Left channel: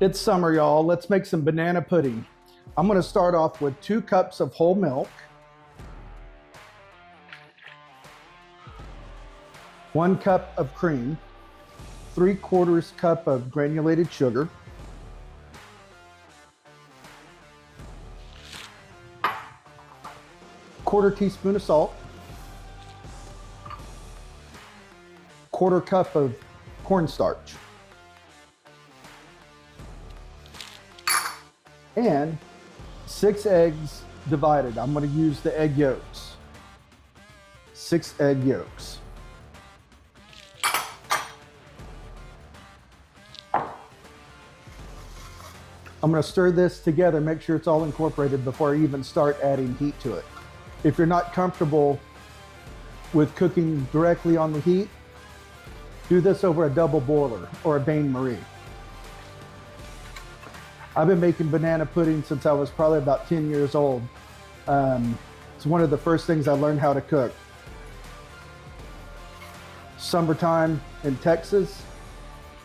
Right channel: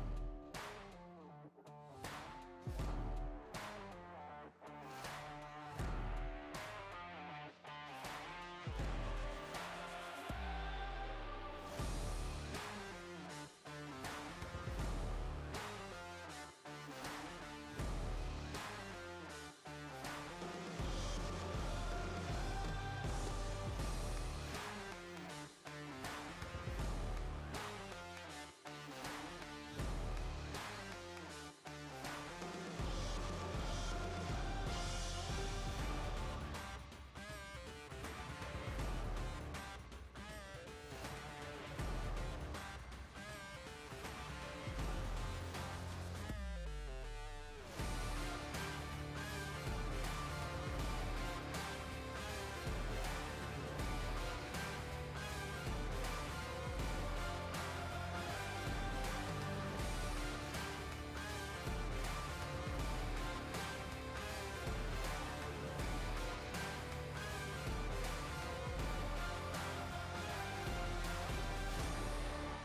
It's summer, y'all. Let's make some banana pudding. I'm gonna start off with 2 cups of whole milk, 1 cup of cream, 3/4 cup of granulated sugar, quarter teaspoon of salt, 1/4 cup of cornstarch, and 6 eggs divided. I'm going to use the egg yolks. 6 egg yolks. I'm going to stir this together, make sure it's all incorporated before I even start adding heat to it. If you're not comfortable with cooking directly on the heat, do this over a double boiler or a bain-marie. I've been making banana pudding since I was probably about 10 years old. It's one of the first things I learned how to cook. Summertime in Texas,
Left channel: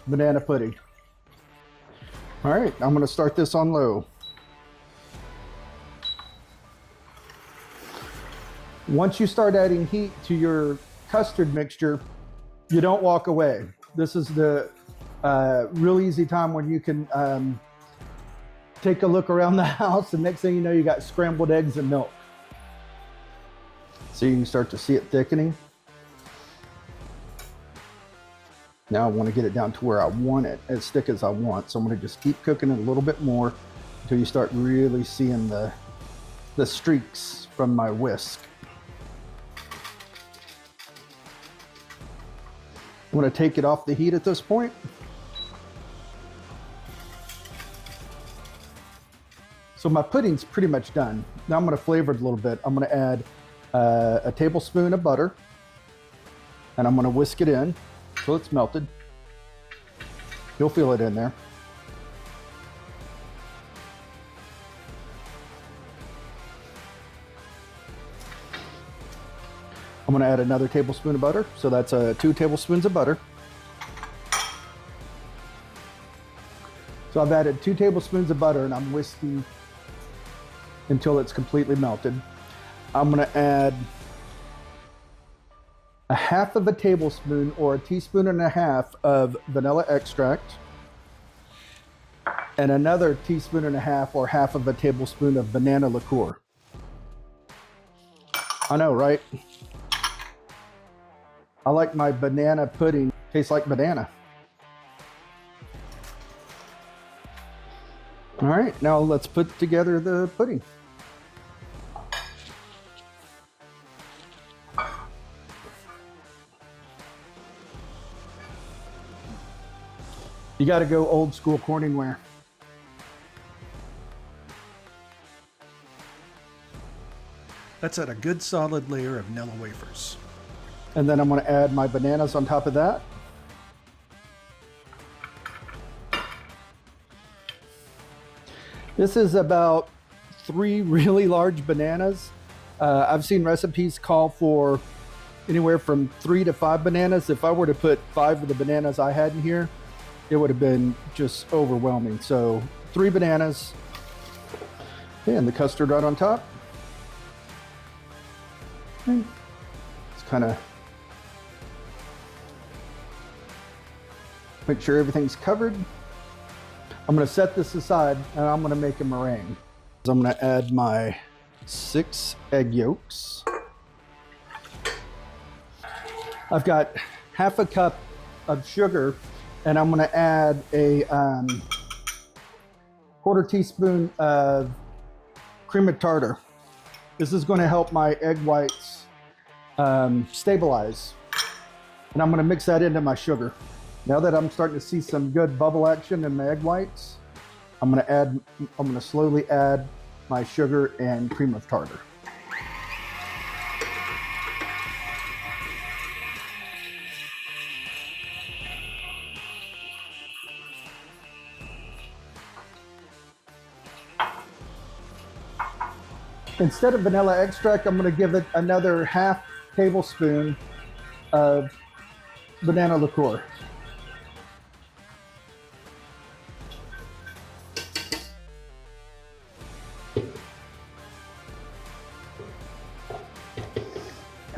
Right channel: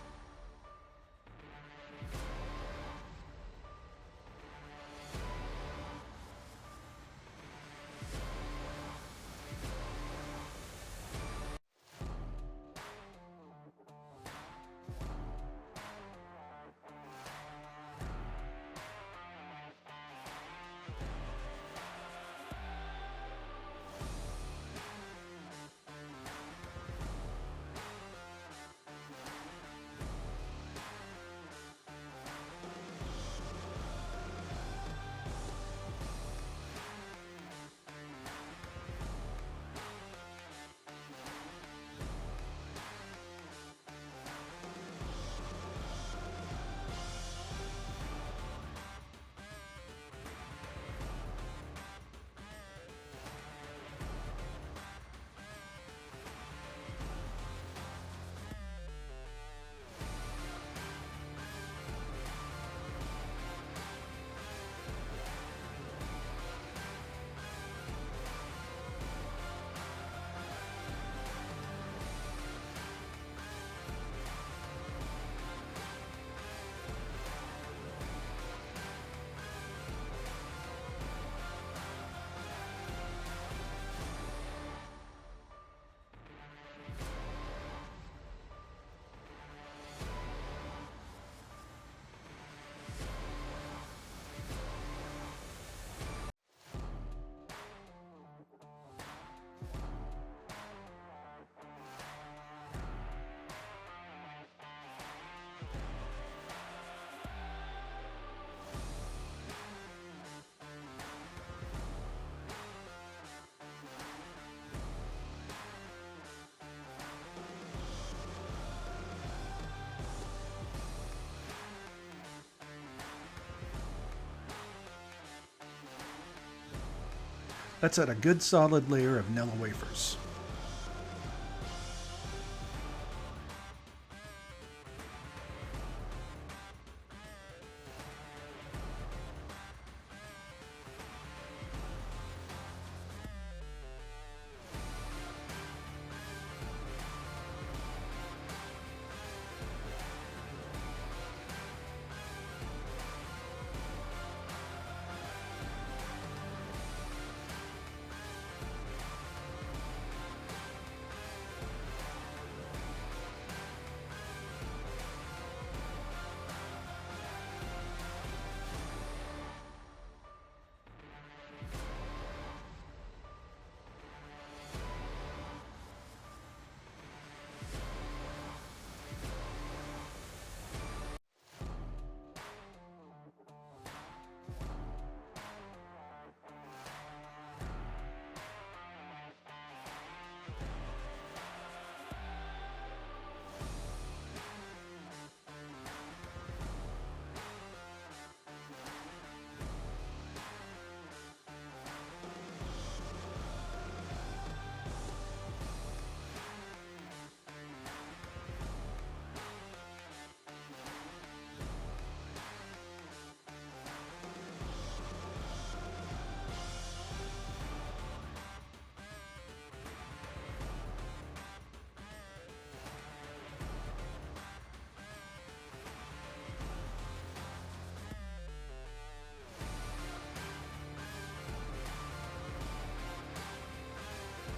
banana pudding. All right, I'm gonna start this on low. Once you start adding heat to your custard mixture, you don't walk away. This is the real easy time when you can take a look around the house, and next thing you know, you got scrambled eggs and milk. So you can start to see it thickening. Now I want to get it down to where I want it, as thick as I want. So I'm going to just keep cooking it a little bit more until you start really seeing the streaks from my whisk. I'm going to take it off the heat at this point. So my pudding's pretty much done. Now I'm going to flavor it a little bit. I'm going to add a tablespoon of butter, and I'm going to whisk it in till it's melted. You'll feel it in there. I'm going to add another tablespoon of butter, so that's 2 tablespoons of butter. So I've added 2 tablespoons of butter, and I'm whisking until it's completely melted. I'm going to add 1/2 of a tablespoon or 1.5 teaspoons of vanilla extract, and another 1.5 teaspoons or 1/2 of a tablespoon of banana liqueur. I know, right? I like my banana pudding tastes like banana. All right, now let's put together the pudding. You got to go old school Corningware. Let's add a good solid layer of Nilla wafers. And then I'm going to add my bananas on top of that. This is about 3 really large bananas. I've seen recipes call for anywhere from 3 to 5 bananas. If I were to put 5 of the bananas I had in here, it would have been just overwhelming. So 3 bananas, and the custard right on top. Just kind of make sure everything's covered. I'm going to set this aside, and I'm going to make a meringue. So I'm going to add my 6 egg yolks. I've got 1/2 cup of sugar, and I'm going to add a 1/4 teaspoon of cream of tartar. This is going to help my egg whites stabilize, and I'm going to mix that into my sugar. Now that I'm starting to see some good bubble action in the egg whites, I'm going to slowly add my sugar and cream of tartar. Instead of vanilla extract, I'm going to give it another 1/2 tablespoon of banana liqueur.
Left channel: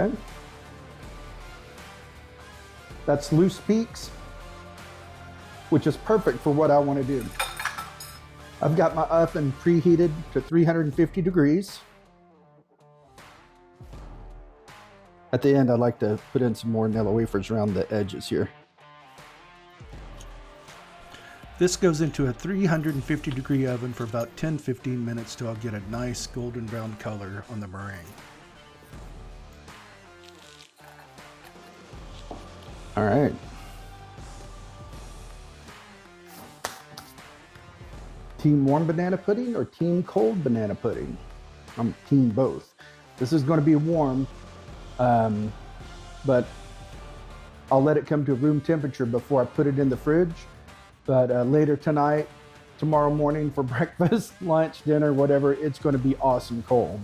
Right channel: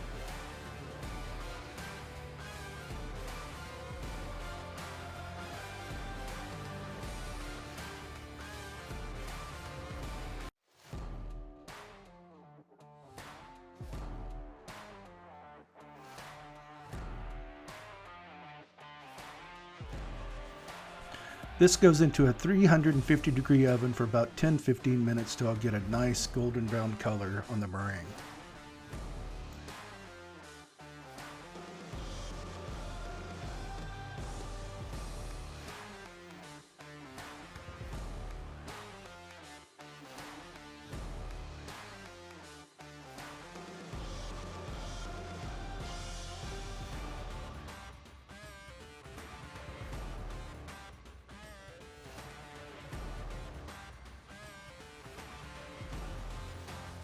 Okay. That's loose peaks, which is perfect for what I want to do. I've got my oven preheated to 350 degrees. At the end, I like to put in some more Nilla wafers around the edges here. This goes into a 350 degree oven for about 10-15 minutes till I get a nice golden brown color on the meringue. All right. Team warm banana pudding or team cold banana pudding? I'm team both. This is going to be warm, but I'll let it come to room temperature before I put it in the fridge. But later tonight, tomorrow morning for breakfast, lunch, dinner, whatever, it's going to be awesome cold.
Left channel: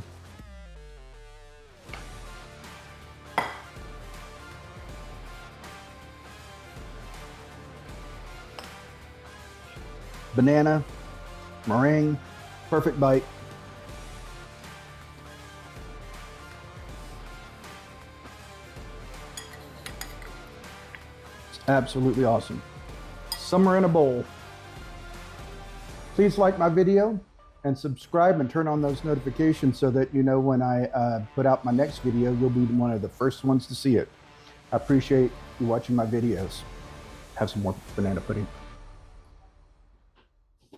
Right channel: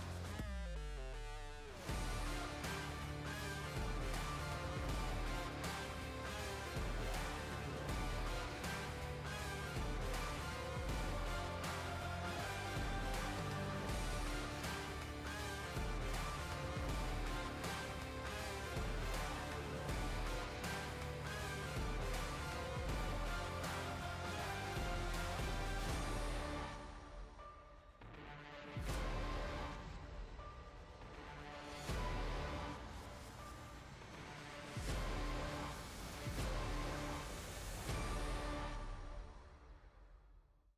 Banana, meringue, perfect bite. It's absolutely awesome. Summer in a bowl. Please like my video and subscribe and turn on those notifications so that you know when I put out my next video, you'll be one of the first ones to see it. I appreciate you watching my videos. Have some more banana pudding.